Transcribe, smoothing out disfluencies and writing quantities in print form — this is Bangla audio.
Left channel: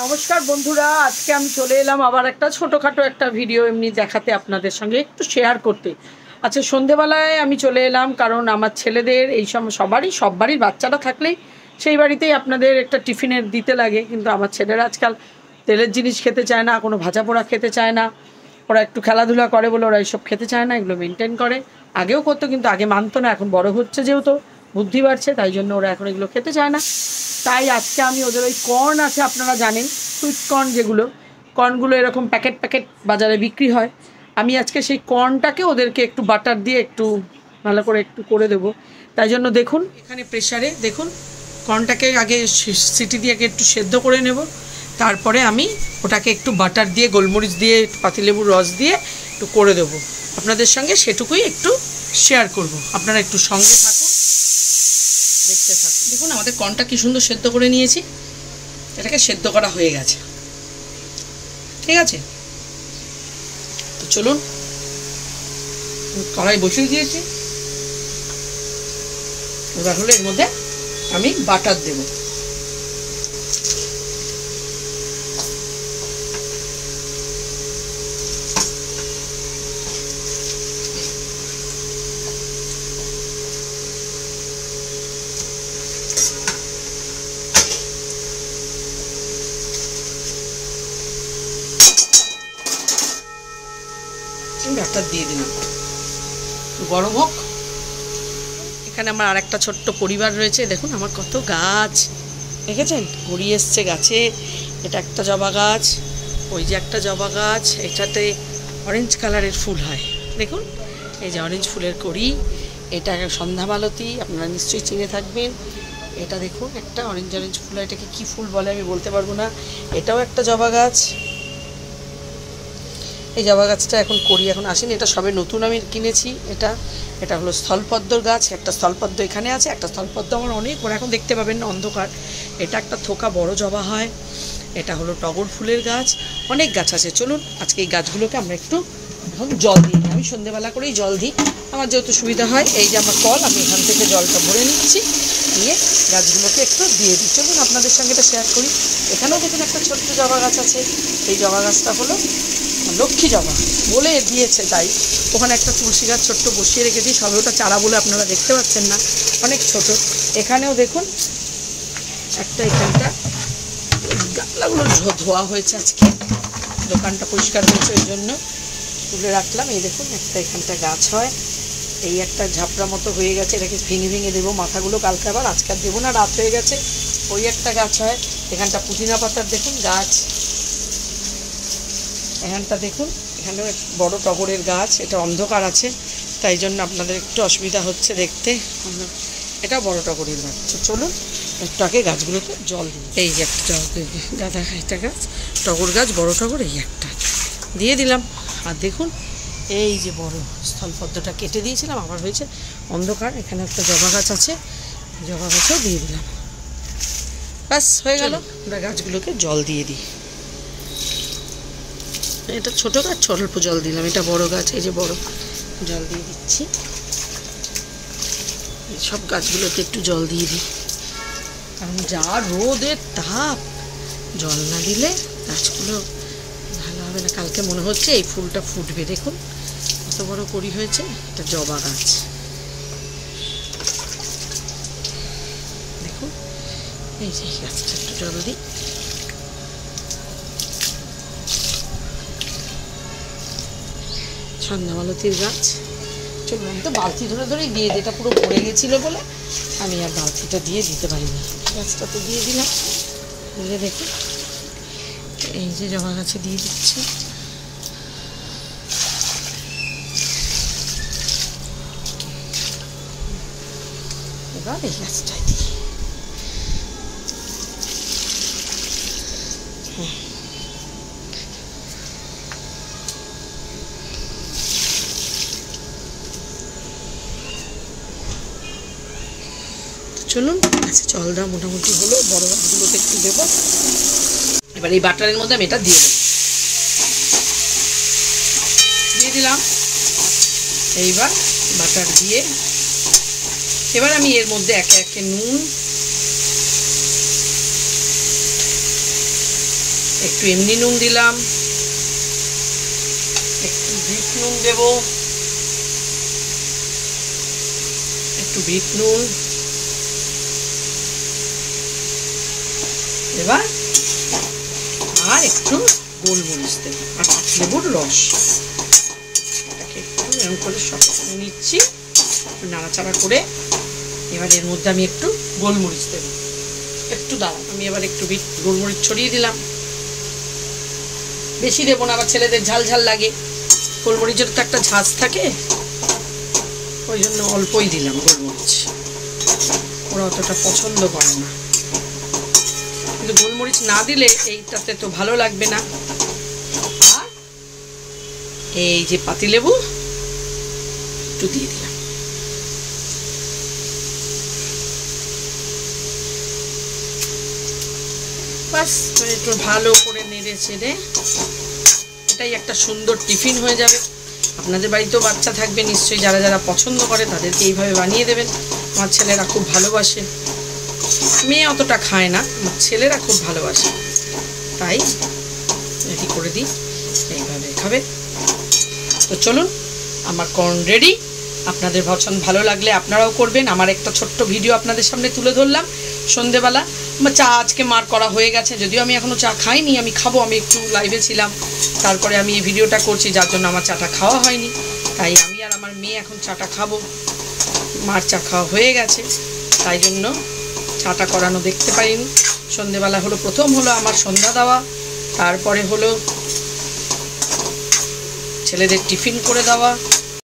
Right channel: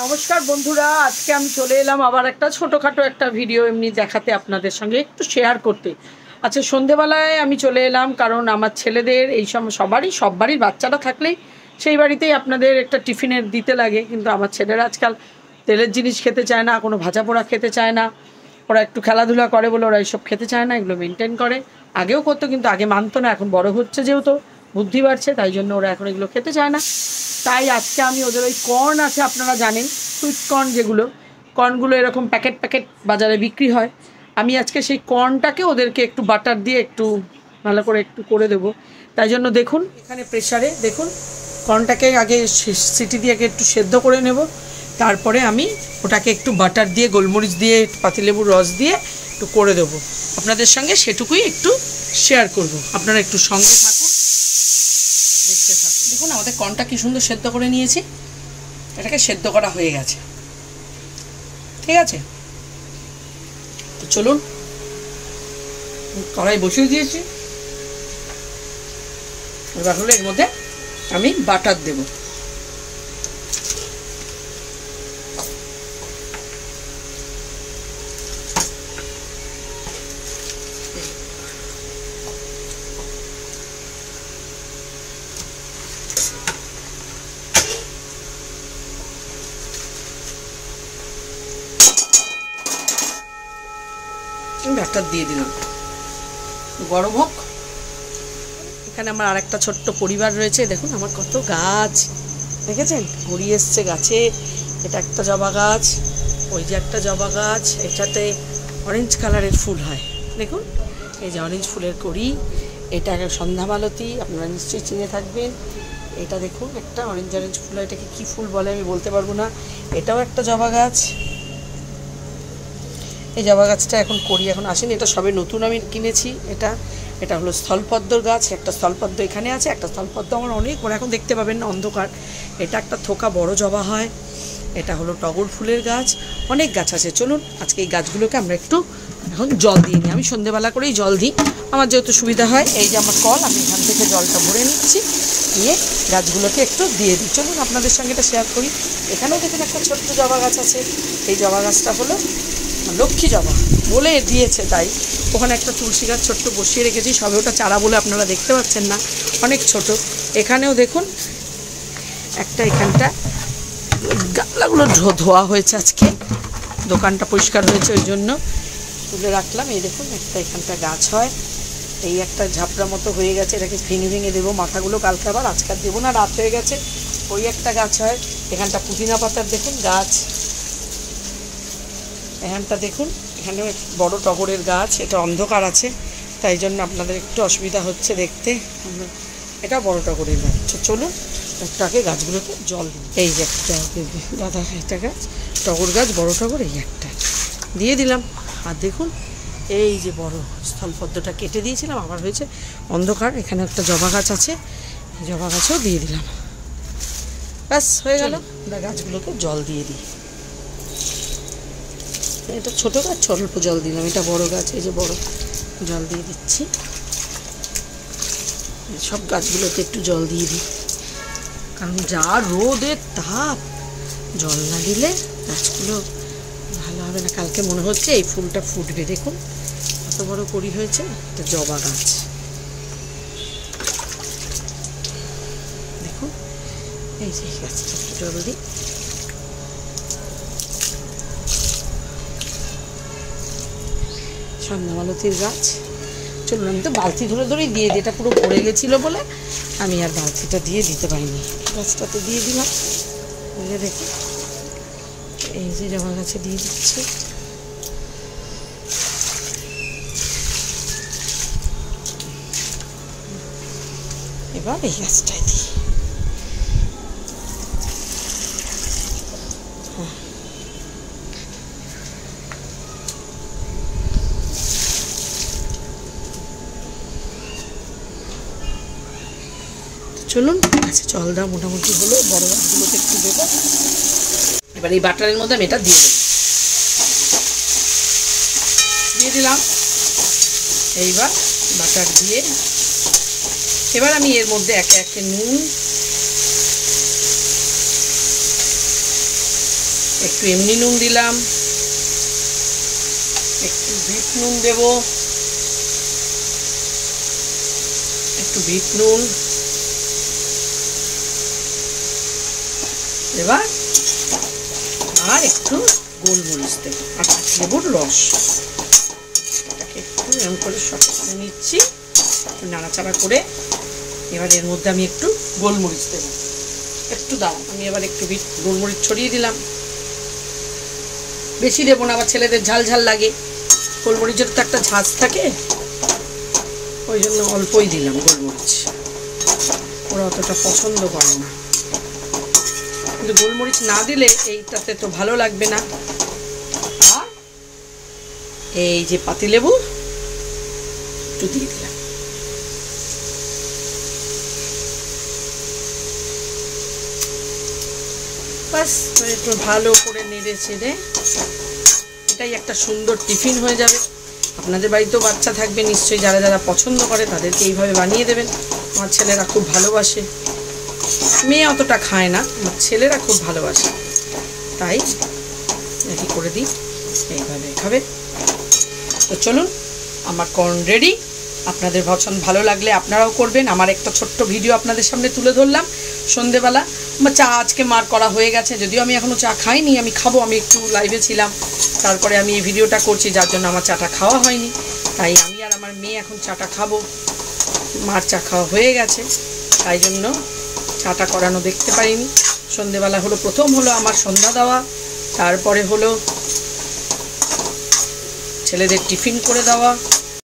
নমস্কার বন্ধুরা, আজকে আমি চলে এলাম আবার একটা ছোটোখাটো একটা ভিডিও এমনি দেখাতে, আপনাদের সঙ্গে একটু শেয়ার করতে। আচ্ছা, সন্ধেবেলায় আমি চলে এলাম কারণ আমার ছেলেদের এই সময় সব বাড়ির বাচ্চারা থাকলেই সেই বাড়িতেই আপনাদের একটা টিফিনের দিতে লাগে, কিন্তু আমার ছেলেরা আজকাল তেলের জিনিস খেতে চায় না, কোনো ভাজা পোড়া খেতে চায় না। ওরা একটু খেলাধুলা করে বলে ওরা এইসব খেতে চায় না, এগুলো মেনটেন করে। আগেও করতো কিন্তু আগে মানতো না, এখন বড় হচ্ছে যেহেতু বুদ্ধি বাড়ছে তাই জন্য ওরা এখন এগুলো খেতে চায় না। তাই আজকে আমি ওদের ওই কর্ন আছে, আপনারা জানেন সুইট কর্ন, যেগুলো কর্নগুলো এরকম প্যাকেট প্যাকেট বাজারে বিক্রি হয়, আমি আজকে সেই কর্নটাকে ওদেরকে একটু বাটার দিয়ে একটু ভালো করে একটু করে দেবো। তাই জন্য দেখুন এখানে প্রেসারে দেখুন কর্নটাকে আগে সিটি দিয়ে একটু সেদ্ধ করে নেব, তারপরে আমি ওটাকে একটু বাটার দিয়ে গোলমরিচ দিয়ে পাতিলেবুর রস দিয়ে একটু করে দেবো। আপনাদের সঙ্গে সেটুকুই একটু শেয়ার করব, আপনারা একটু সঙ্গে থাকুন, দেখতে থাকুন। দেখুন আমাদের কর্নটা কি সুন্দর সেদ্ধ করে নিয়েছি, এটাকে সেদ্ধ করা হয়ে গেছে, ঠিক আছে। তো চলুন, কড়াই বসিয়ে দিয়েছি, এবার হলো এর মধ্যে আমি বাটার দেব। বাটার দিয়ে দিলাম, গরম হোক। এখানে আমার আর একটা ছোট্ট পরিবার রয়েছে, দেখুন আমার কত গাছ দেখেছেন, গড়িয়ে এসছে গাছে। এটা একটা জবা গাছ, ওই যে একটা জবা গাছ, এটাতে অরেঞ্জ কালারের ফুল হয়, দেখুন এই যে অরেঞ্জ ফুলের কড়ি। এটা সন্ধ্যামালতী, আপনারা নিশ্চয়ই চিনে থাকবেন। এটা দেখুন একটা অরেঞ্জ অরেঞ্জ ফুল, এটাকে কি ফুল বলে আমি বলতে পারবো না। এটাও একটা জবা গাছ, এই জবা গাছটা এখন করি এখন আসেনি, এটা সবে নতুন আমি কিনেছি। এটা হলো স্থলপদ্মর গাছ, একটা স্থলপদ্ম এখানে আছে, একটা স্থলপদ্ম আমার অনেক বড়, এখন দেখতে পাবেন না অন্ধকার। এটা একটা থোকা বড় জবা হয়। এটা হলো টগর ফুলের গাছ, অনেক গাছ আছে। চলুন আজকে এই গাছগুলোকে আমরা একটু এখন জল দিয়ে নিই। আমি সন্ধ্যেবেলা করেই জল দিই, আমার যেহেতু সুবিধা হয়। এই যে আমার কল, আমি এখান থেকে জলটা ভরে নিচ্ছি, নিয়ে গাছগুলোকে একটু দিয়ে দিই। চলুন আপনাদের সঙ্গে এটা শেয়ার করি। এখানেও দেখুন একটা ছোট্ট জবা গাছ আছে, এই জবা গাছটা হলো লক্ষ্মী জবা বলে দিয়েছে, তাই ওখানে একটা তুলসী গাছ ছোট্ট বসিয়ে রেখেছি, সবে ওটা চারা বলে আপনারা দেখতে পাচ্ছেন না, অনেক ছোট। এখানেও দেখুন একটা, এখানটা গামলাগুলো ধোয়া হয়েছে, আজকে দোকানটা পরিষ্কার হয়েছে ওই জন্য তুলে রাখলাম। এই দেখুন একটা এখানটা গাছ হয়, এই একটা ঝাপড়া মতো হয়ে গেছে, এটাকে ভেঙে ভেঙে দেবো মাথাগুলো কালকে, আবার আজকাল দেবো না, রাত হয়ে গেছে। ওই একটা গাছ হয়, এখানটা পুদিনা পাতার দেখুন গাছ, এখানটা দেখুন এখানেও বড় টগরের গাছ। এটা অন্ধকার আছে তাই জন্য আপনাদের একটু অসুবিধা হচ্ছে দেখতে, এটা বড় টগরের গাছ। চলুন একটু আগে গাছগুলোতে জল দিই। এই যে একটা গাঁদা এটা গাছ, টগর গাছ, বড় টগর, এই একটা দিয়ে দিলাম। আর দেখুন এই যে বড় স্থলপদ্মটা কেটে দিয়েছিলাম, আবার হয়েছে অন্ধকার। এখানে একটা জবা গাছ আছে, জবা গাছেও দিয়ে দিলাম, ব্যাস হয়ে গেল। আমরা গাছগুলোকে জল দিয়ে দিই। এটা ছোটো গাছ, অল্প জল দিলাম, এটা বড় গাছ, এই যে বড়, জল দিয়ে দিচ্ছি। সব গাছগুলোতে একটু জল দিয়ে দিই, কারণ যা রোদের তাপ, জল না দিলে গাছগুলো ভালো হবে না। কালকে মনে হচ্ছে এই ফুলটা ফুটবে, দেখুন কত বড় কড়ি হয়েছে। এটা জবা গাছ, দেখুন এই যে গাছটা একটু জল দিই। সন্ধ্যামালতীর গাছ। চলুন আমি তো বালতি ধরে ধরেই দিয়ে দিই, এটা পুরো ভরে গেছিলো বলে আমি আর বালতিটা দিয়ে দিতে পারিনি, গাছটাতে দিয়ে দিলাম। এই যে দেখুন এই যে জবা গাছে দিয়ে দিচ্ছি। এবার এই গাছটায় দিই। চলুন আচ্ছা জল দেওয়া মোটামুটি হলো, বড় গাছগুলোতে একটু দেবো। এবার এই বাটারের মধ্যে আমি এটা দিয়ে দেবো, দিয়ে দিলাম। এইবার বাটার দিয়ে এবার আমি এর মধ্যে একে একে নুন, একটু এমনি নুন দিলাম, একটু বিট নুন দেব, একটু বিট নুন। এবার আর একটু গোলমরিচ দেব আর লেবুর রস। এটাকে একটু এরকম করে সব করে নিচ্ছি, একটু নাড়াচাড়া করে। এবার এর মধ্যে আমি একটু গোলমরিচ দেব, একটু দাঁড়ান, আমি এবার একটু গোলমরিচ ছড়িয়ে দিলাম। বেশি দেবো না, আবার ছেলেদের ঝাল ঝাল লাগে, গোলমরিচের তো একটা ঝাঁজ থাকে, ওই জন্য অল্পই দিলাম গোলমরিচ। ওরা অতটা পছন্দ করে না, কিন্তু গোলমরিচ না দিলে এইটাতে তো ভালো লাগবে না। আর এই যে পাতিলেবু একটু দিয়ে দিলাম। বাস একটু ভালো করে নেড়ে চেড়ে এটাই একটা সুন্দর টিফিন হয়ে যাবে। আপনাদের বাড়িতেও বাচ্চা থাকবে নিশ্চয়ই, যারা যারা পছন্দ করে তাদেরকে এইভাবে বানিয়ে দেবেন। আমার ছেলেরা খুব ভালোবাসে, মেয়ে অতটা খায় না, আমার ছেলেরা খুব ভালোবাসে, তাই কি করে দিই, এইভাবে খাবে। তো চলুন, আমার কর্ন রেডি। আপনাদের পছন্দ ভালো লাগলে আপনারাও করবেন। আমার একটা ছোট্ট ভিডিও আপনাদের সামনে তুলে ধরলাম সন্ধেবেলা। আমার চা আজকে মার করা হয়ে গেছে, যদিও আমি এখনও চা খাইনি, আমি খাবো, আমি একটু লাইভে ছিলাম, তারপরে আমি এই ভিডিওটা করছি, যার জন্য আমার চাটা খাওয়া হয়নি। তাই আমি আর আমার মেয়ে এখন চাটা খাবো, মার চা খাওয়া হয়ে গেছে, তাই জন্য চাটা করানো দেখতে পাইনি। সন্ধেবেলা হলো, প্রথম হলো আমার সন্ধ্যা দেওয়া, তারপরে হলো ছেলেদের টিফিন করে দেওয়া,